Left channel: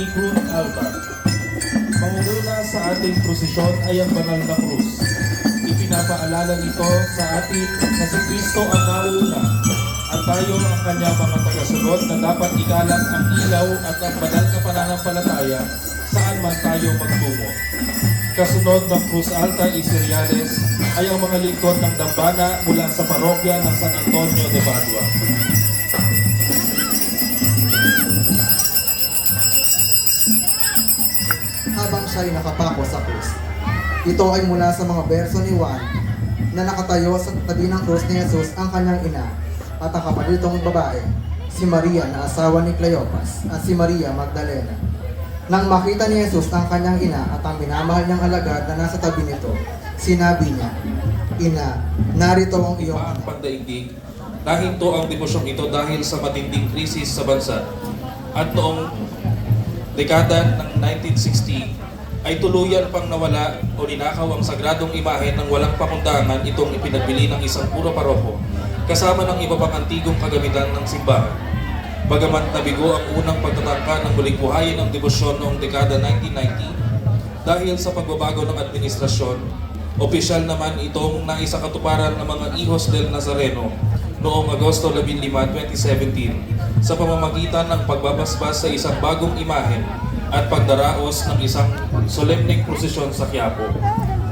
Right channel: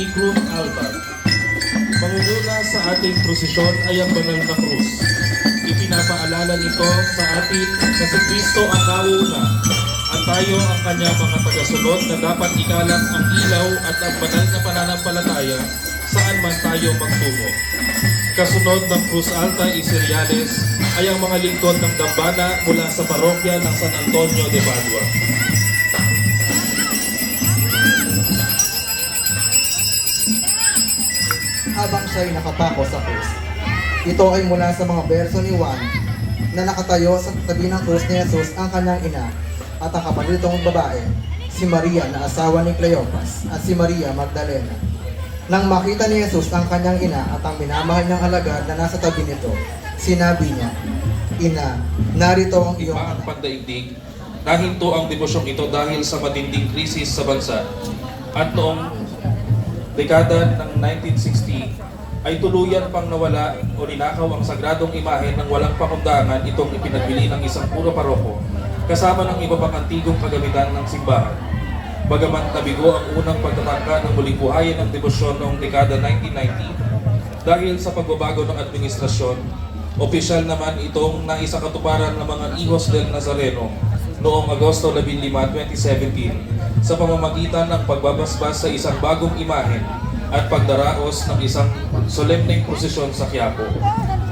ni Cruz Altar. Mangunguna sa ating prosesyon ay ang banal na krus. Ipinapaalala nito sa atin na si Kristo ang nauna at tayo ang kanyang mga tagasunod na dapat ikalat ang ilaw at ang banal na pananampalataya saan man tayo magtungo. Kasunod ng Cruz Alta Iseriales ay ang mga lingkod ng dambana mula sa parokya ng San Antonio de Padua. Habang siya'y nakapako sa krus. Ito ay mula sa mga berso ni Juan na nakatayo sa tabi ng krus ni Jesus ang kanyang ina at ang kapatid nitong babae, si Maria na asawa ni Cleopas at si Maria Magdalena. Nang makita ni Jesus ang kanyang ina at ang minamahal niyang alagad na nasa tabi nito, sinabi niya, "Ina, narito ang iyong Ang anak." pagdaigdig, nahinto ang devosyong ito dahil sa matinding krisis sa bansa at noong dekada ng 1960 ay tuluyan pang nawala o ninakaw ang sagradong imahe ng walang pangundangan itong ipinagbili ng isang puro paroko kasama ng iba pang antigong kagamitan ng simbahan. Bagaman nabigo ang unang pagtatangka ng muling buhayin ng debosyon noong dekada 1990 dahil sa pagbabago ng administrasyon, opisyal naman itong naisakatuparan ng mga Hijos del Nazareno noong Agosto 15, 2017 sa pamamagitan ng pagbabasbas sa isang bagong imahe at pagdaraos ng isang solemneng prosesyon sa Quiapo.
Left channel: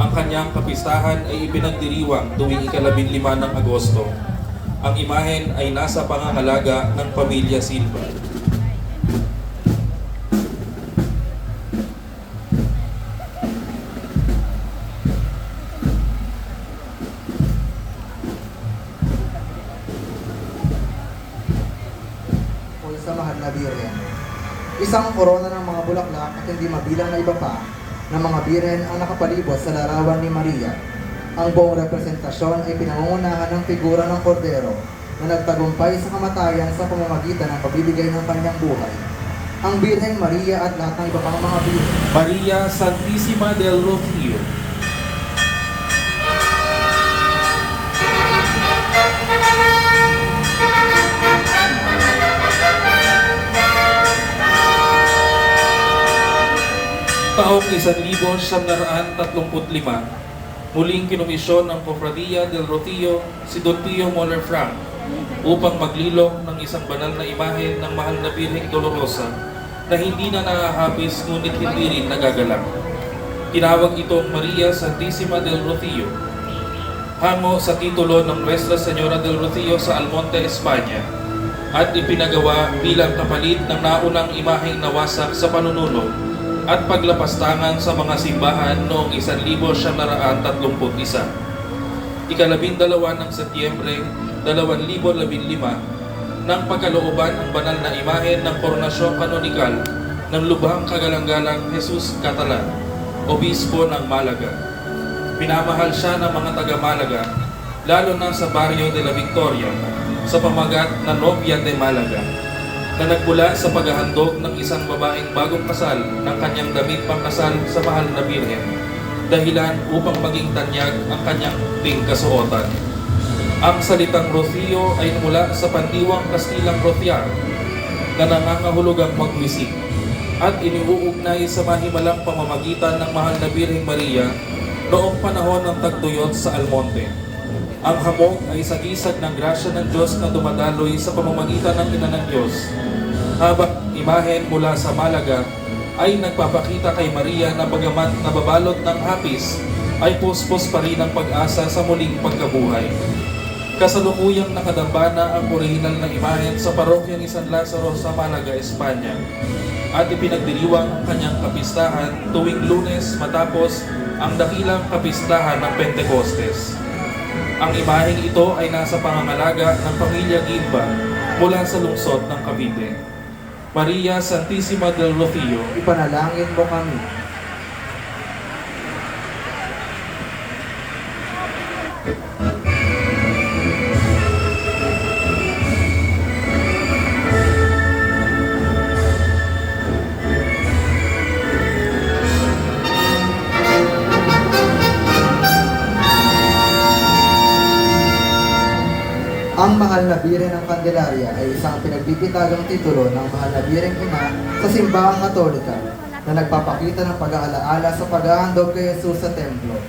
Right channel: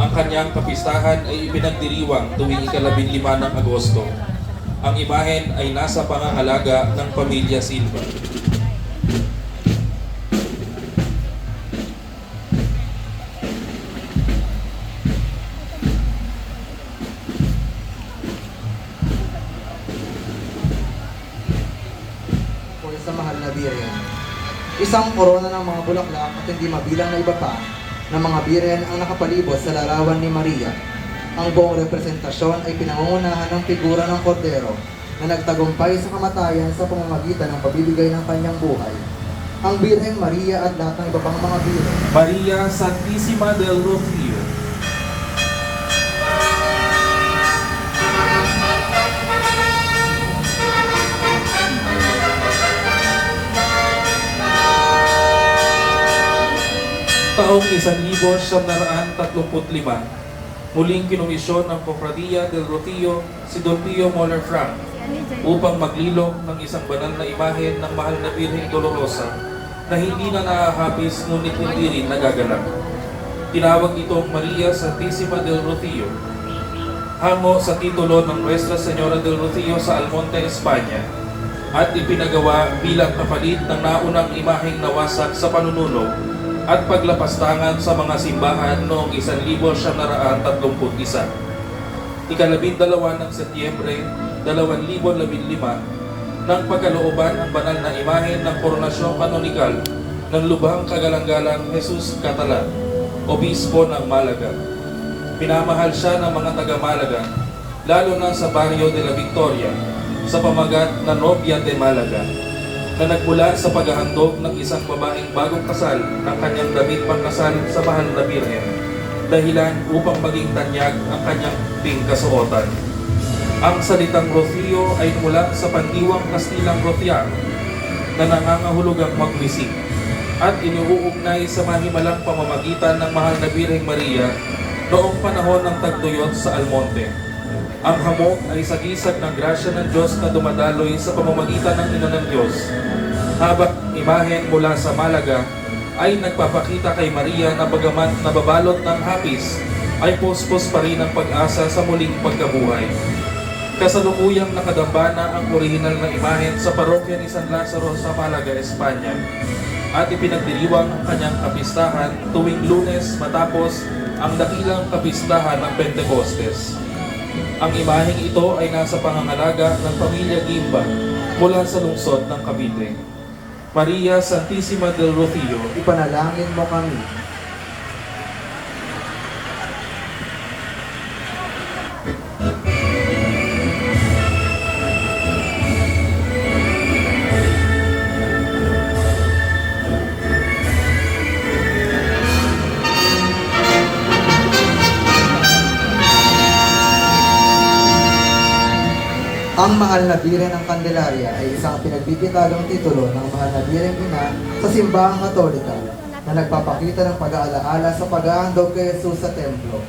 Ang kanyang kapistahan ay ipinagdiriwang tuwing ika-15 ng Agosto. Ang imahen ay nasa pangangalaga ng pamilya Silva. Sa mahal na birhen. Isang korona ng mga bulaklak at hindi mabilang na iba pa ng mga birhen ang nakapalibot sa larawan ni Maria. Ang buong representasyon ay pinangungunahan ng figura ng kordero na nagtagumpay sa kamatayan sa pamamagitan ng pagbibigay ng kanyang buhay. Ang Birheng Maria at lahat ng iba pang mga birhen. Maria Santissima del Rocío. Taong 1935, muling kinomisyon ng Cofradia del Rocío si Don Pio Moller Frank upang maglilong ng isang banal na imahe ng mahal na Birheng Dolorosa na hindi na nakahapis ngunit hindi rin nagagalang. Tinawag itong Maria Santissima del Rocío, hamo sa titulo ng Nuestra Señora del Rocío sa Almonte, Espanya, at ipinagawa bilang kapalit ng naunang imaheng nawasak sa panununo at paglapastangan sa mga simbahan noong 1931. Ikalabindalawa ng Setyembre 2015 nang pagkalooban ang banal na imahe ng koronasyon kanonikal ng Lubhang Kagalang-galang Jesus Catalan, Obispo ng Malaga. Pinamahal siya ng mga taga-Malaga, lalo na sa Barrio de la Victoria, sa pamagat ng Novia de Malaga, na nagmula sa paghahandog ng isang babaeng bagong kasal ng kanyang damit pangkasal sa mahal na Birhen, dahilan upang maging tanyag ang kanyang ting kasuotan. Ang salitang Rocío ay mula sa pandiwang Kastilang Rociar na nangangahulugang magwisik at iniuugnay sa mahimalang pamamagitan ng mahal na Birheng Maria noong panahon ng tagtuyot sa Almonte. Ang hamog ay sagisag ng grasya ng Diyos na dumadaloy sa pamamagitan ng Ina ng Diyos, habang imahen mula sa Malaga ay nagpapakita kay Maria na bagamat nababalot ng hapis, ay puspos pa rin ang pag-asa sa muling pagkabuhay. Kasalukuyang nakadambana ang orihinal na imahen sa parokya ni San Lazaro sa Malaga, Espanya, at ipinagdiriwang ang kanyang kapistahan tuwing Lunes matapos ang dakilang kapistahan ng Pentecostes. Ang imaheng ito ay nasa pangangalaga ng pamilya Gimba mula sa lungsod ng Cavite. Maria Santissima del Rocío, Ipanalangin mo kami. Ang Ang mahal na Birhen ng Candelaria ay isang pinagbibitagang titulo ng mahal na Birheng Ina sa simbahang Katolika na nagpapakita ng pag-aalaala sa paghahandog kay Jesus sa templo.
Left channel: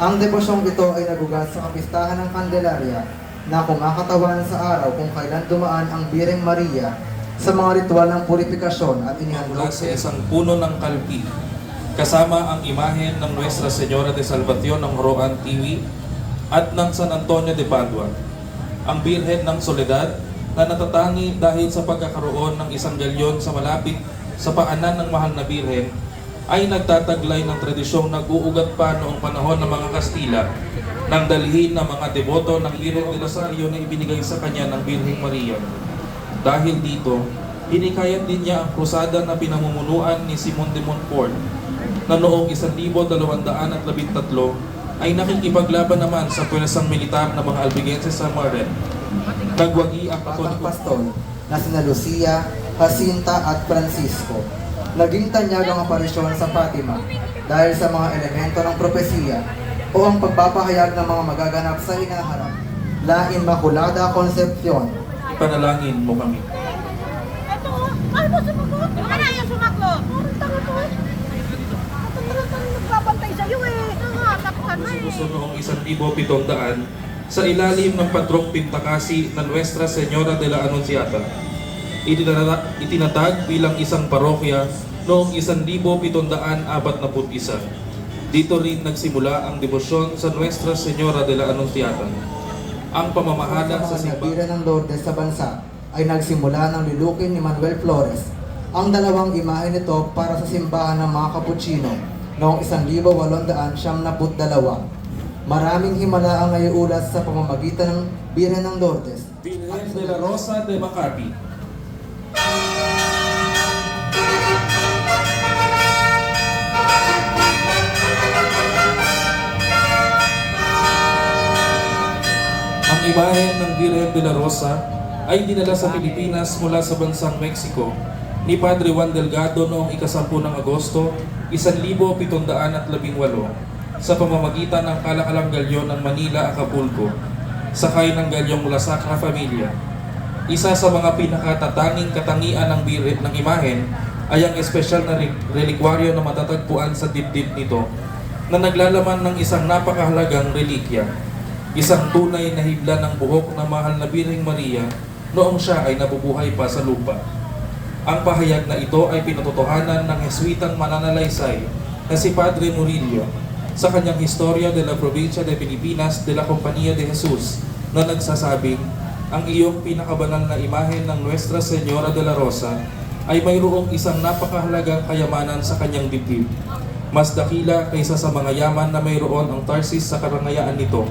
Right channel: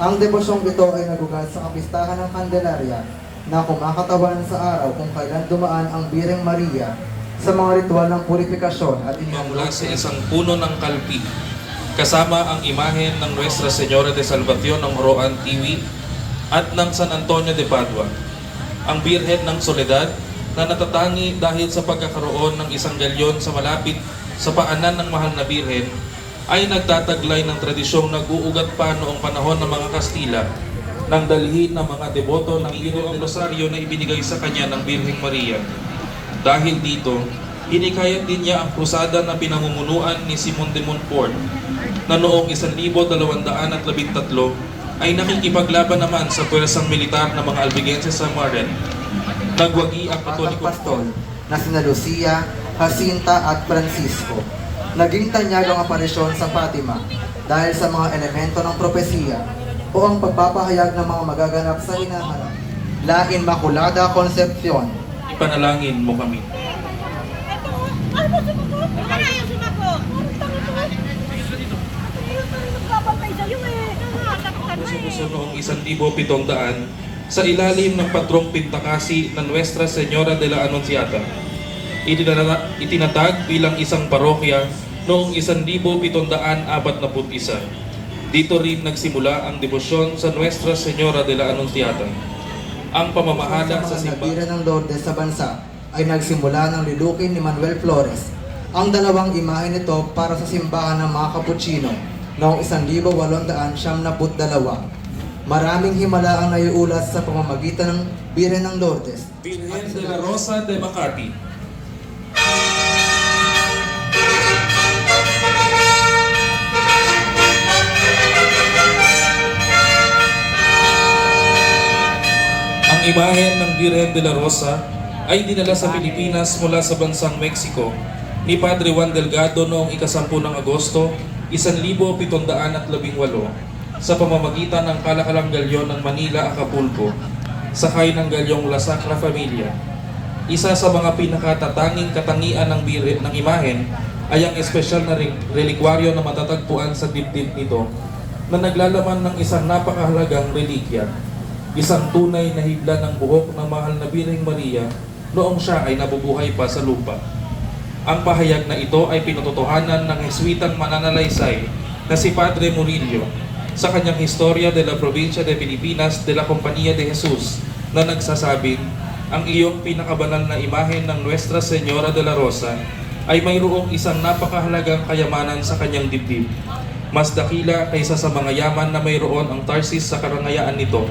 Ang debosyong ito ay nagugat sa kapistahan ng Candelaria na kumakatawan sa araw kung kailan dumaan ang Birheng Maria sa mga ritual ng purifikasyon at Mula inihandog sa isang puno ng kalpi, kasama ang imahe ng Nuestra Señora de Salvación ng Roan Tiwi at ng San Antonio de Padua. Ang Birhen ng Soledad na natatangi dahil sa pagkakaroon ng isang galyon sa malapit sa paanan ng mahal na Birhen ay nagtataglay ng tradisyong nag-uugat pa noong panahon ng mga Kastila nang dalhin ng mga deboto ng Birhen de Rosario na ibinigay sa kanya ng Birheng Maria. Dahil dito, hinikayat din niya ang krusada na pinamumunuan ni Simon de Montfort na noong 1213 ay nakikipaglaban naman sa pwersang militar ng mga Albigenses sa Maret. Nagwagi ang at ang Katolikong pastol na sina Lucia, Jacinta at Francisco. Naging tanyag ang aparisyon sa Fatima dahil sa mga elemento ng propesiya o ang pagpapahayag ng mga magaganap sa hinaharap. La Inmaculada Concepcion. Ipanalangin mo kami. Eto, ano mo sumagot? Wala na yung sumagot. Tanga to. Nagbabantay sa'yo eh. Nangalap ka na eh. Sa noong 1700 sa ilalim ng patrong Pintakasi ng Nuestra Señora de la Anunciata. Itinatag bilang isang parokya noong 1741. Dito rin nagsimula ang debosyon sa Nuestra Señora de la Anunciata. Ang pamamahala sa simbahan Birhen ng Lourdes sa bansa ay nagsimula ng lilukin ni Manuel Flores. Ang dalawang imahe nito para sa simbahan ng mga Capuchino noong 1872. Maraming himala ang naiulat sa pamamagitan ng Birhen ng Lourdes. Birhen de la Rosa de Makati. Ang imahen ng Birhen de la Rosa ay dinala sa Pilipinas mula sa bansang Mexico ni Padre Juan Delgado noong 10 ng Agosto, 1718 sa pamamagitan ng kalakalang galyon ng Manila, Acapulco, sakay ng galyong La Sacra Familia. Isa sa mga pinakatatanging katangian ng Birhen ng imahen ay ang espesyal na relikwaryo na matatagpuan sa dibdib nito na naglalaman ng isang napakahalagang relikya, isang tunay na hibla ng buhok na mahal na Birheng Maria noong siya ay nabubuhay pa sa lupa. Ang pahayag na ito ay pinatotohanan ng Jesuitang mananalaysay na si Padre Murillo sa kanyang Historia de la Provincia de Filipinas de la Compañía de Jesus na nagsasabing ang iyong pinakabanal na imahen ng Nuestra Señora de la Rosa ay mayroong isang napakahalagang kayamanan sa kanyang dibdib. Mas dakila kaysa sa mga yaman na mayroon ang Tarsis sa karangayaan nito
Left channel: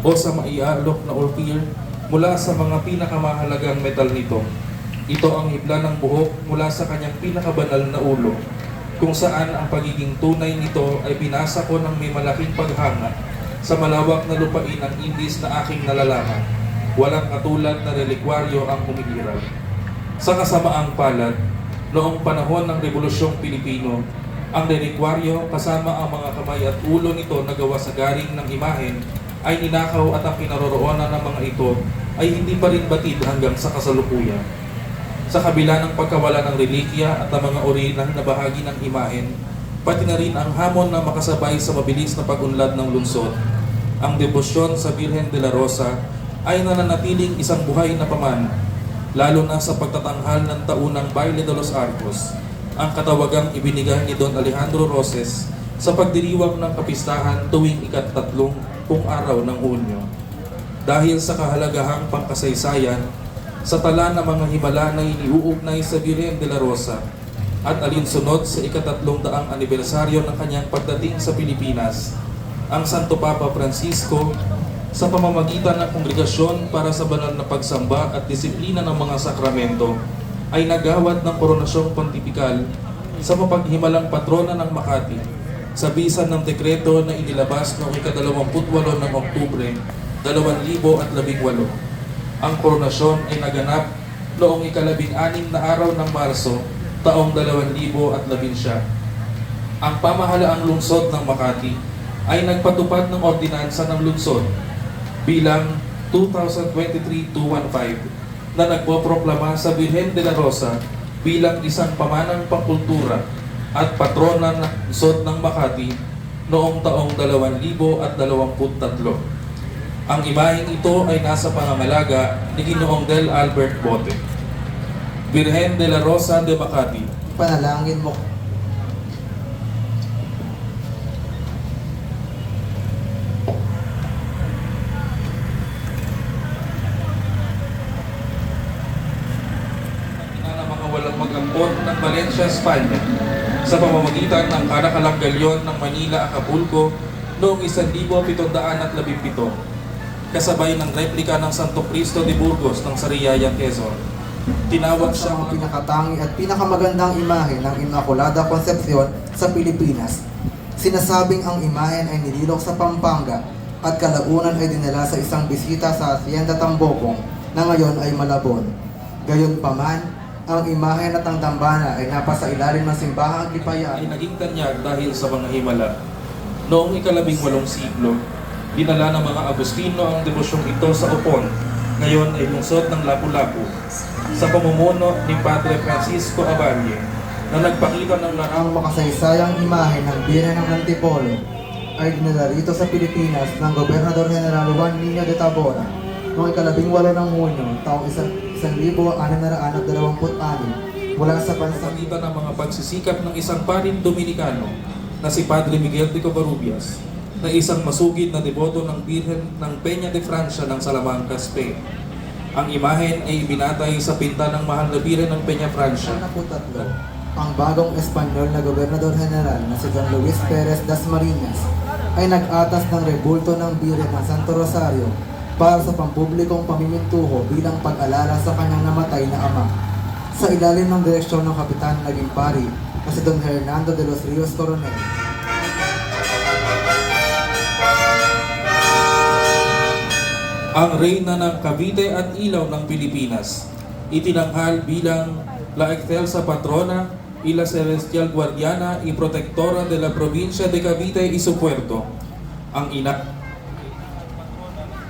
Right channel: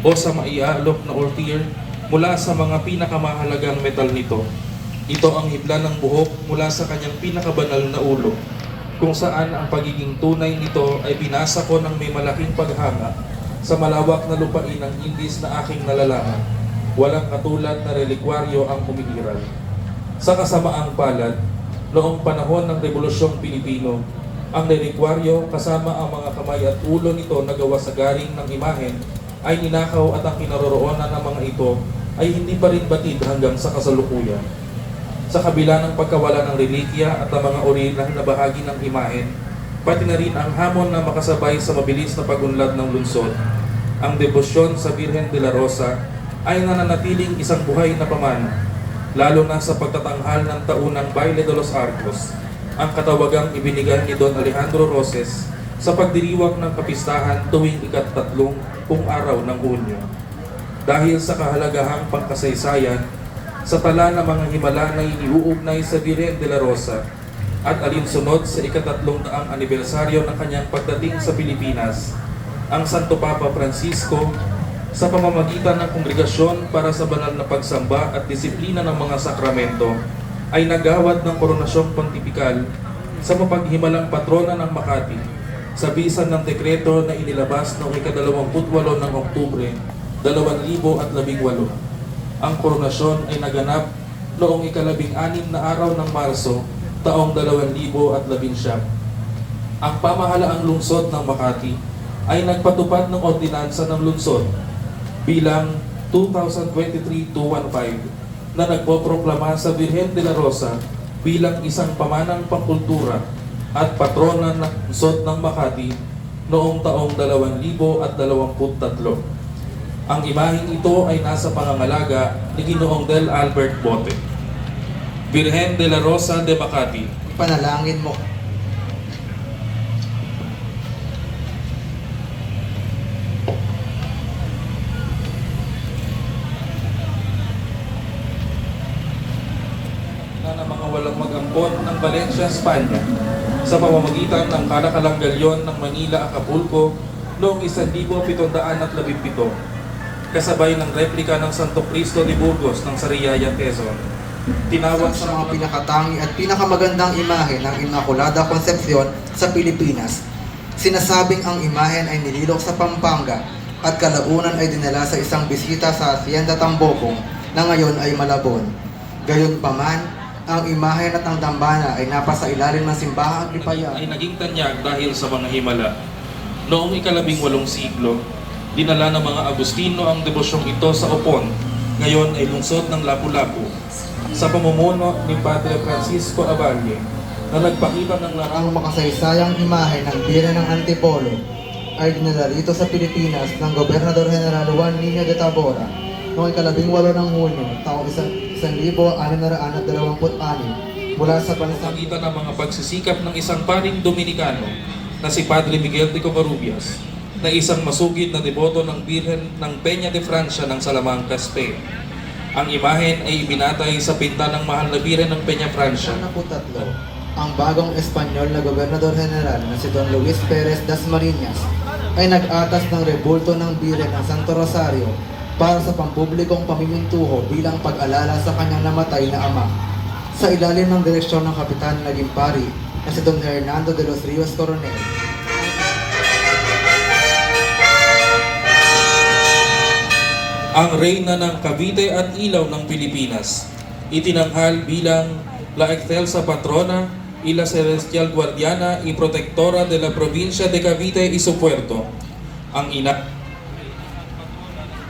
o sa maialok na ortir mula sa mga pinakamahalagang metal nito. Ito ang hibla ng buhok mula sa kanyang pinakabanal na ulo, kung saan ang pagiging tunay nito ay binasa ko ng may malaking paghanga sa malawak na lupain ng Indies na aking nalalaman. Walang katulad na relikwaryo ang umiiral. Sa kasamaang palad, noong panahon ng Rebolusyong Pilipino, ang relikwaryo kasama ang mga kamay at ulo nito na gawa sa garing ng imahen ay ninakaw at ang kinaroroonan ng mga ito ay hindi pa rin batid hanggang sa kasalukuyan. Sa kabila ng pagkawala ng relikya at ang mga orihinal na bahagi ng imahen, pati na rin ang hamon na makasabay sa mabilis na pag-unlad ng lungsod, ang debosyon sa Birhen de la Rosa ay nananatiling isang buhay na pamana, lalo na sa pagtatanghal ng taunang Baile de los Arcos, ang katawagang ibinigay ni Don Alejandro Roses sa pagdiriwang ng kapistahan tuwing ika-3 araw ng Hunyo. Dahil sa kahalagahang pangkasaysayan, sa tala ng mga himala na iniuugnay sa Birhen de la Rosa at alinsunod sa ika-300 anibersaryo ng kanyang pagdating sa Pilipinas, ang Santo Papa Francisco sa pamamagitan ng kongregasyon para sa banal na pagsamba at disiplina ng mga sakramento ay nagawad ng koronasyong pontifikal sa mapaghimalang patrona ng Makati sa bisan ng dekreto na inilabas noong ika-28 ng Oktubre 2018. Ang koronasyon ay naganap noong ika-16 na araw ng Marso taong 2011. Ang pamahalaang lungsod ng Makati ay nagpatupad ng ordinansa ng lungsod bilang 2023-215 na nagpoproklama sa Virgen de la Rosa bilang isang pamanang pangkultura at patrona ng lungsod ng Makati noong taong 2023. Ang imaheng ito ay nasa pangangalaga ni Ginoong Del Albert Bote. Virgen de la Rosa de Makati, Panalangin mo. ng mga walang mag-ampon ng Valencia, Espanya sa pamamagitan ng Caracalong Galyon ng Manila, Acapulco noong 1717 kasabay ng replika ng Santo Cristo de Burgos ng Sariaya, Quezon. Tinawag Sa siya mga pinakatangi at pinakamagandang imahe ng Immaculada Concepcion sa Pilipinas. Sinasabing ang imahen ay nililok sa Pampanga at kalaunan ay dinala sa isang bisita sa Hacienda Tambocong na ngayon ay Malabon. Gayunpaman, ang imahen at ang dambana ay napasa ilalim ng simbahang ay Lipayan. naging tanyag dahil sa mga himala. Noong 18 siglo, dinala ng mga Agustino ang devosyong ito sa Upon, ngayon ay lungsod ng Lapu-Lapu, sa pamumuno ni Padre Francisco Aballe, na nagpakita ng Ang makasaysayang imahe ng Birhen ng Antipolo ay dinala rito sa Pilipinas ng Gobernador General Juan Niño de Tabora noong 18 ng Hunyo, taong 1626 mula sa bansang pagitan ng mga pagsisikap ng isang paring Dominikano na si Padre Miguel de Covarrubias, na isang masugid na deboto ng Birhen ng Peña de Francia ng Salamanca, Spain. Ang imahen ay ibinatay sa pinta ng mahal na Birhen ng Peña Francia. 13, ang bagong Espanyol na Gobernador General na si Don Luis Perez Dasmariñas ay nag-atas ng rebulto ng Birhen ng Santo Rosario para sa pampublikong pamimintuho bilang pag-alala sa kanyang namatay na ama. Sa ilalim ng direksyon ng Kapitan naging pari na si Don Hernando de los Rios Coronel. Ang reyna ng Cavite at Ilaw ng Pilipinas, itinanghal bilang La Excelsa Patrona y la Celestial Guardiana y Protectora de la Provincia de Cavite y su Puerto, ang ina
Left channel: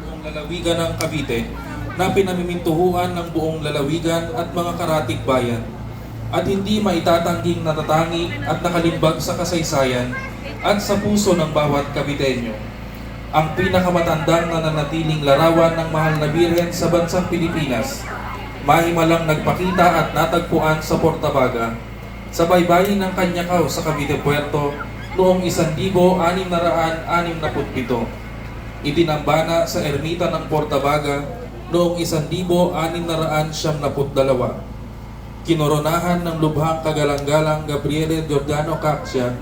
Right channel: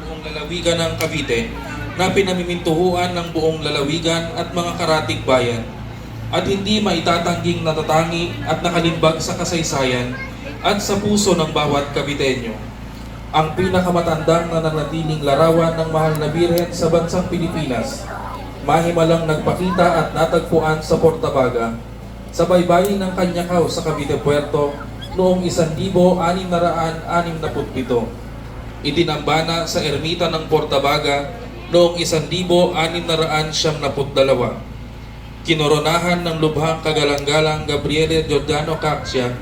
buong lalawigan ng Cavite na pinamimintuhuan ng buong lalawigan at mga karatig bayan, at hindi maitatangging natatangi at nakalimbag sa kasaysayan at sa puso ng bawat Caviteño. Ang pinakamatandang nananatiling larawan ng mahal na Birhen sa bansang Pilipinas, mahimalang nagpakita at natagpuan sa Portabaga, sa baybayin ng Kanyakaw sa Cavite Puerto noong 1667. Itinambana sa ermita ng Portabaga noong 1672. Kinoronahan ng lubhang kagalang-galang Gabriele Giordano Caxia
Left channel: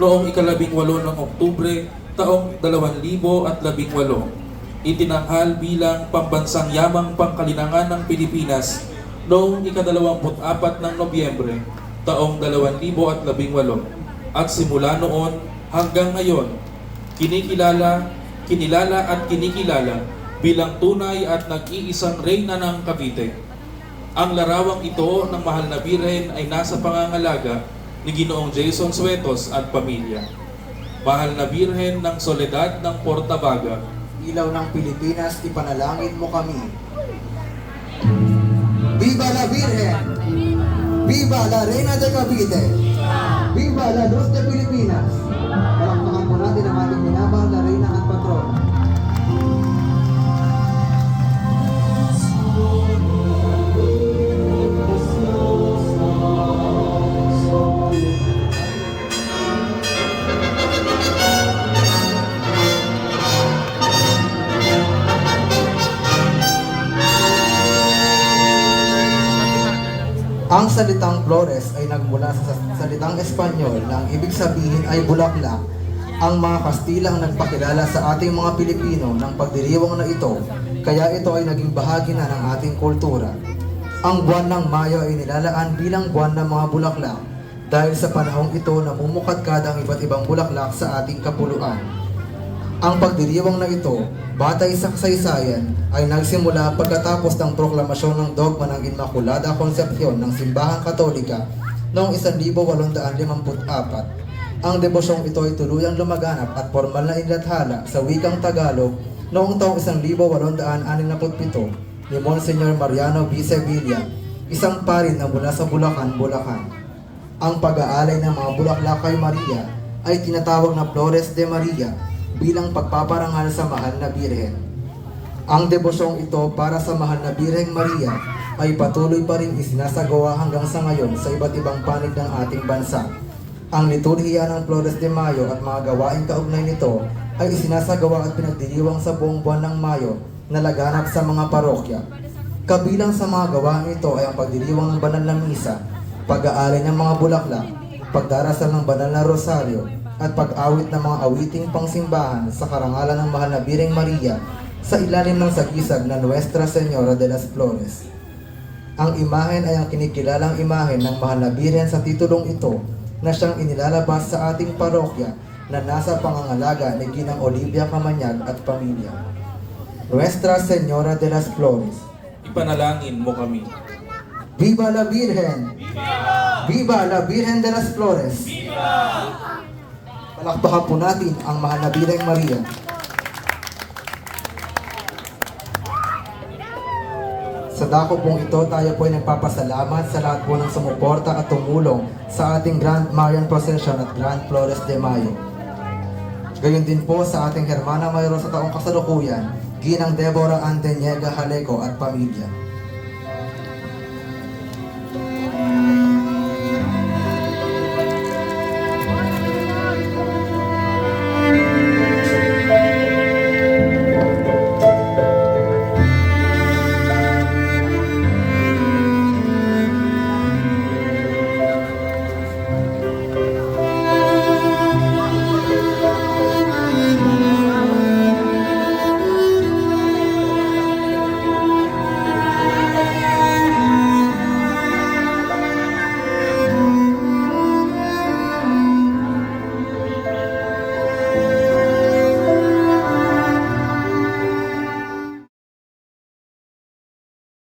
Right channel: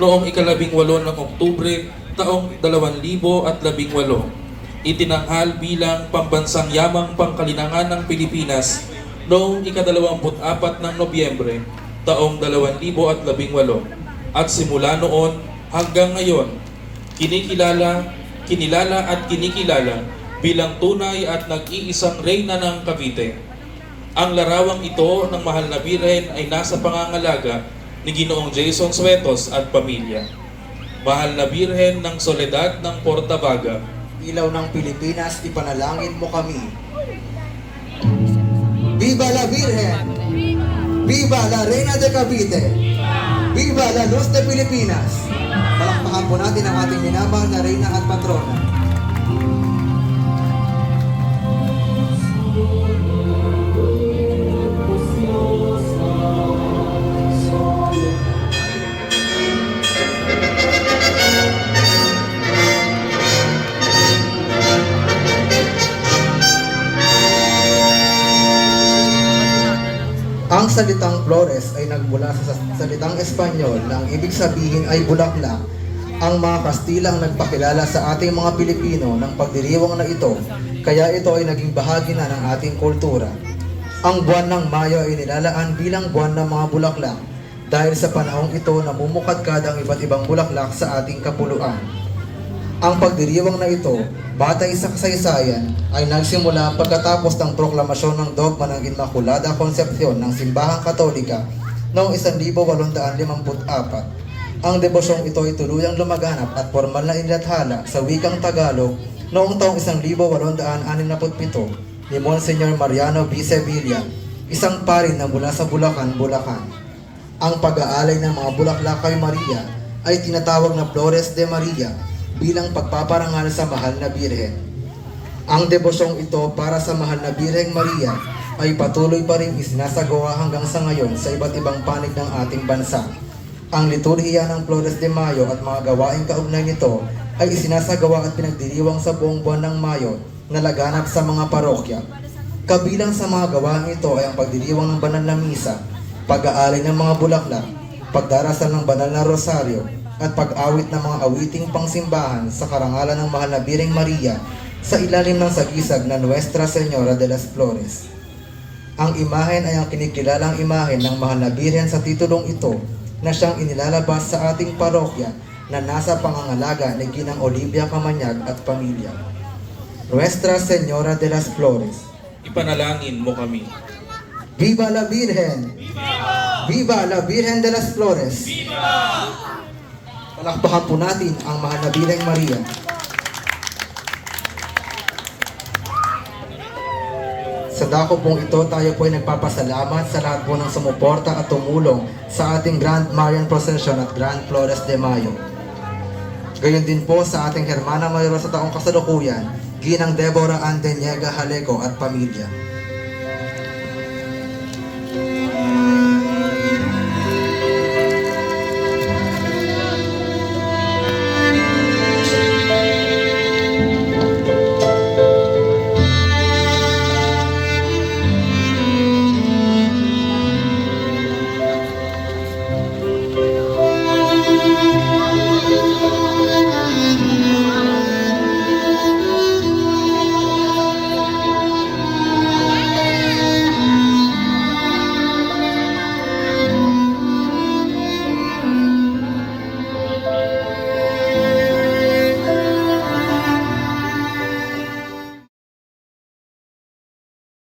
noong 18 ng Oktubre taong 2018. Itinanghal bilang pambansang yamang pangkalinangan ng Pilipinas noong 24 ng Nobyembre taong 2018, at simula noon hanggang ngayon kinilala at kinikilala bilang tunay at nag-iisang reyna ng Cavite. Ang larawang ito ng mahal na Birhen ay nasa pangangalaga ni Ginoong Jason Suetos at pamilya. Mahal na Birhen ng Soledad ng Portabaga, Ilaw ng Pilipinas, ipanalangin mo kami. Viva la Virgen! Viva la Reina de Cavite! Viva la Luz de Pilipinas! Palakpakan po natin ang ating minamahal na Reyna at Patrona. Ang salitang Flores ay nagmula sa salitang Espanyol na ang ibig sabihin ay bulaklak. Ang mga Kastila ang nagpakilala sa ating mga Pilipino ng pagdiriwang na ito, kaya ito ay naging bahagi na ng ating kultura. Ang buwan ng Mayo ay nilalaan bilang buwan ng mga bulaklak dahil sa panahong ito namumukadkad ang iba't ibang bulaklak sa ating kapuluan. Ang pagdiriwang na ito, batay sa kasaysayan, ay nagsimula pagkatapos ng proklamasyon ng dogma ng Immaculada Concepcion ng Simbahang Katolika noong 1854 Ang debosyong ito ay tuluyang lumaganap at formal na inilathala sa wikang Tagalog noong taong 1867 ni Monsignor Mariano B. Sevilla, isang pari na mula sa Bulacan, Bulacan. Ang pag-aalay ng mga bulaklak kay Maria ay tinatawag na Flores de Maria bilang pagpaparangal sa mahal na Birhen. Ang debosyong ito para sa mahal na Birheng Maria ay patuloy pa rin isinasagawa hanggang sa ngayon sa iba't ibang panig ng ating bansa. Ang liturhiya ng Flores de Mayo at mga gawaing kaugnay nito ay isinasagawa at pinagdiriwang sa buong buwan ng Mayo na laganap sa mga parokya. Kabilang sa mga gawaing ito ay ang pagdiriwang ng banal na misa, pag-aalay ng mga bulaklak, pagdarasal ng banal na rosaryo, at pag-awit ng mga awiting pangsimbahan sa karangalan ng mahal na Birheng Maria sa ilalim ng sagisag na Nuestra Señora de las Flores. Ang imahen ay ang kinikilalang imahen ng mahal na Birhen sa titulong ito na siyang inilalabas sa ating parokya na nasa pangangalaga ni Ginang Olivia Camanyag at pamilya. Nuestra Señora de las Flores. Ipanalangin mo kami. Viva la Virgen! Viva la Virgen de las Flores! Palakpakan po natin ang mahal na Birheng Maria. Sa dako pong ito, tayo po ay nagpapasalamat sa lahat po ng sumuporta at tumulong sa ating Grand Marian Procession at Grand Flores de Mayo. Gayon din po sa ating Hermana Mayor sa taong kasalukuyan, Ginang Deborah Andeniega Haleco at pamilya.